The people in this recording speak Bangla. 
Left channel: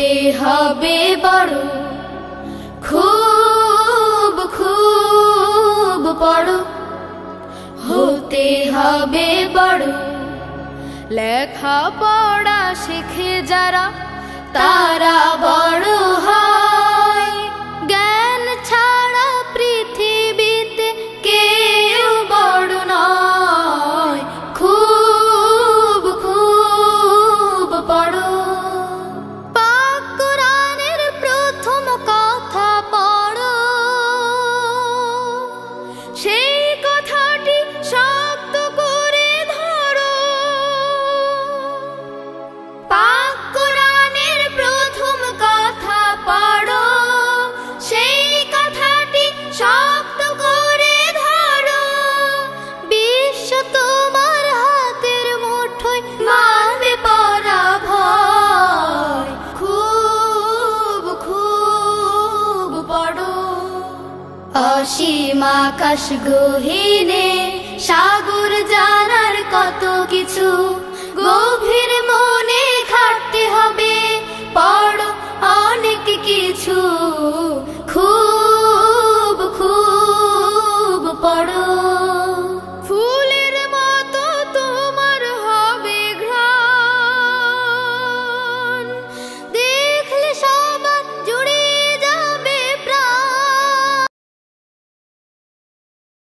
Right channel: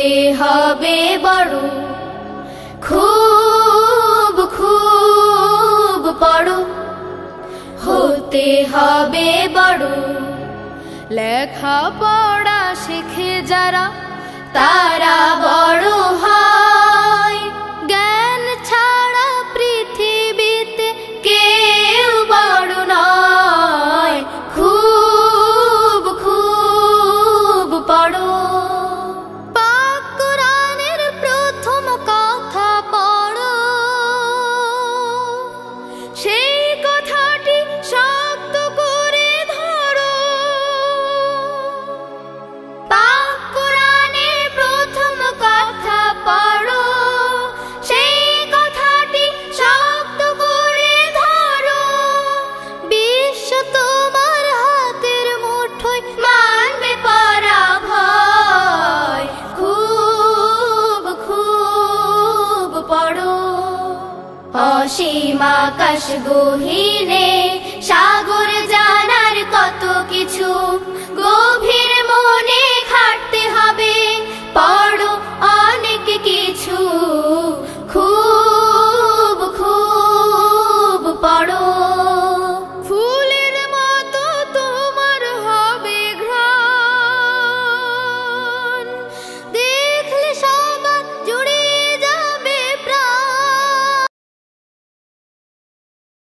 হতে হবে বড়, খুব খুব বড় হতে হবে বড়। লেখা পড়া শিখে যারা তারা বড় হয়, জ্ঞান ছাড়া পৃথিবীতে কেউ বড় নয়। খুব খুব পড়ো, পাক কোরআনের প্রথম কথা পড়ো, সেই কথাটি শক্ত করে ধরো। পাক কোরআনের প্রথম কথা পড়ো, সেই কথাটি শক্ত করে ধরো। বিশ্ব তোমার হাতের মুঠোয়, মারবে পরাভয়। খুব খুব পড়ো, অসীম আকাশ গহীনে সাগর জানার কত কিছু, গভীর